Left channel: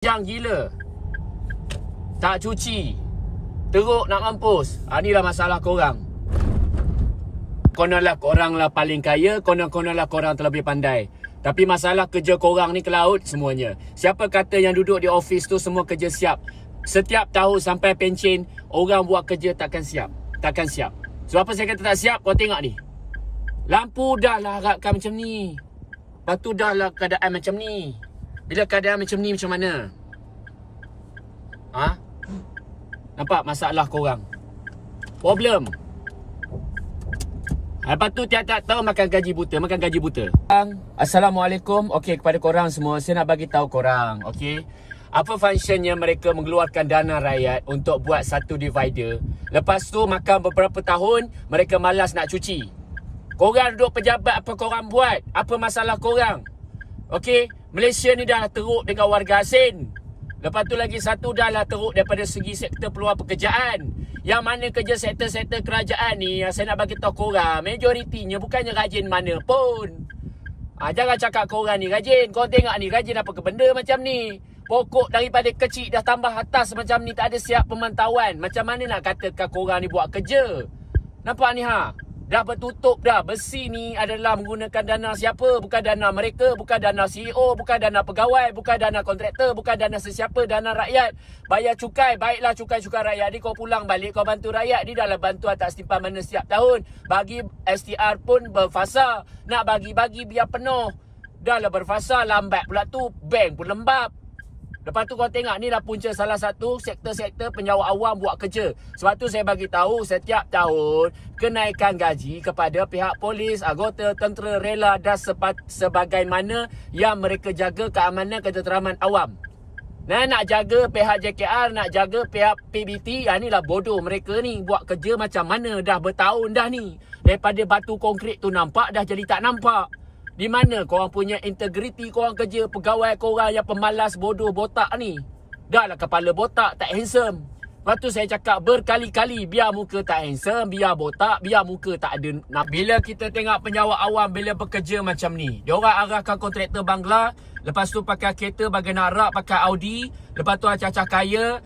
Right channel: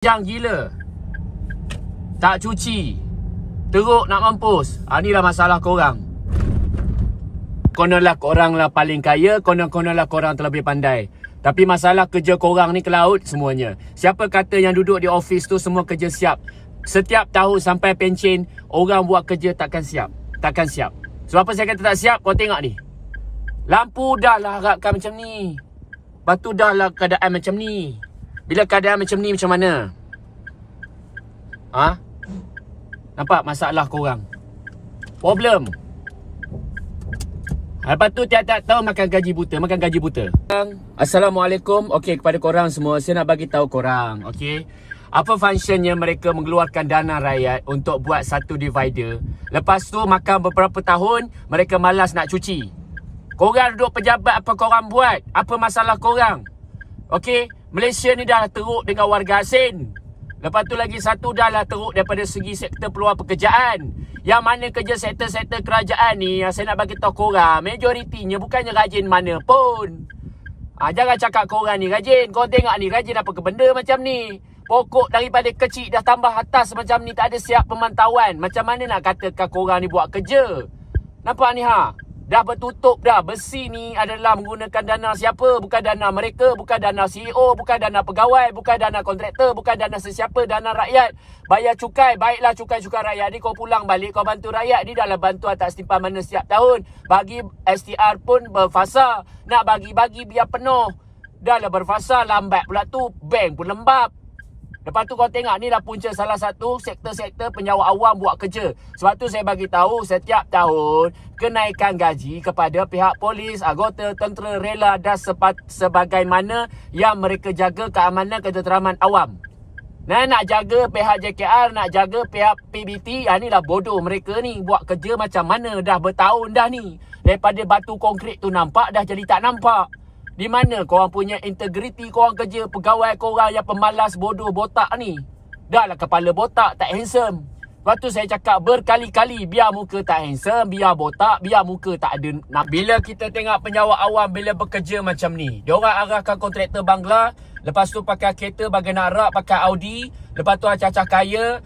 Jang gila. Tak cuci. Teruk nak mampus. Inilah masalah korang. Kononlah korang lah paling kaya, konon-kononlah korang terlebih pandai. Tapi masalah kerja korang ni ke laut semuanya. Siapa kata yang duduk di office tu semua kerja siap? Setiap tahun sampai pencen, orang buat kerja takkan siap. Takkan siap. Sebab apa saya kata tak siap? Kau tengok ni. Lampu dah lah harapkan macam ni. Lepas tu dah lah keadaan macam ni. Bila keadaan macam ni macam mana? Ha? Nampak masalah korang? Problem. Lepas tu tiap-tiap tahun makan gaji buta. Makan gaji buta. Assalamualaikum. Okey, kepada korang semua, saya nak bagi tahu korang. Okey, apa functionnya mereka mengeluarkan dana rakyat untuk buat satu divider. Lepas tu makan beberapa tahun, mereka malas nak cuci. Korang duduk pejabat, apa korang buat? Apa masalah korang? Okey, Malaysia ni dah teruk dengan warga asing. Lepas tu lagi satu dah lah teruk daripada segi sektor peluang pekerjaan. Yang mana kerja sektor-sektor kerajaan ni, yang saya nak bagi tahu korang, majoritinya bukannya rajin mana pun. Jangan cakap korang ni rajin. Korang tengok ni, rajin apa ke benda macam ni. Pokok daripada kecil dah tambah atas macam ni, tak ada siap pemantauan. Macam mana nak katakan korang ni buat kerja? Nampak ni ha? Dah bertutup dah. Besi ni adalah menggunakan dana siapa? Bukan dana mereka, bukan dana CEO, bukan dana pegawai, bukan dana kontraktor, bukan dana sesiapa, dana rakyat. Bayar cukai, baiklah cukai-cukai rakyat ni kau pulang balik, kau bantu rakyat. Ni dalam bantuan tak setimpal mana setiap tahun. Bagi STR pun berfasa. Nak bagi-bagi biar penuh. Dah lah berfasa, lambat pula tu. Bank pun lembab. Lepas tu kau tengok ni lah punca salah satu sektor-sektor penyewa awam buat kerja. Sebab tu saya bagi tahu setiap tahun kenaikan gaji kepada pihak polis, anggota tentera, rela dan sebagaimana yang mereka jaga keamanan ketenteraman awam. Nah, nak jaga pihak JKR, nak jaga pihak PBT, inilah bodoh mereka ni buat kerja macam mana dah bertahun dah ni. Daripada batu konkrit tu nampak dah jadi tak nampak. Di mana korang punya integriti korang kerja, pegawai korang yang pemalas, bodoh, botak ni? Dah lah kepala botak, tak handsome. Lepas tu saya cakap berkali-kali, biar muka tak handsome, biar botak, biar muka tak ada. Bila kita tengok penyewa awam bila bekerja macam ni, diorang arahkan kontraktor bangla, lepas tu pakai kereta bagian Arab, pakai Audi, lepas tu acah-acah kaya.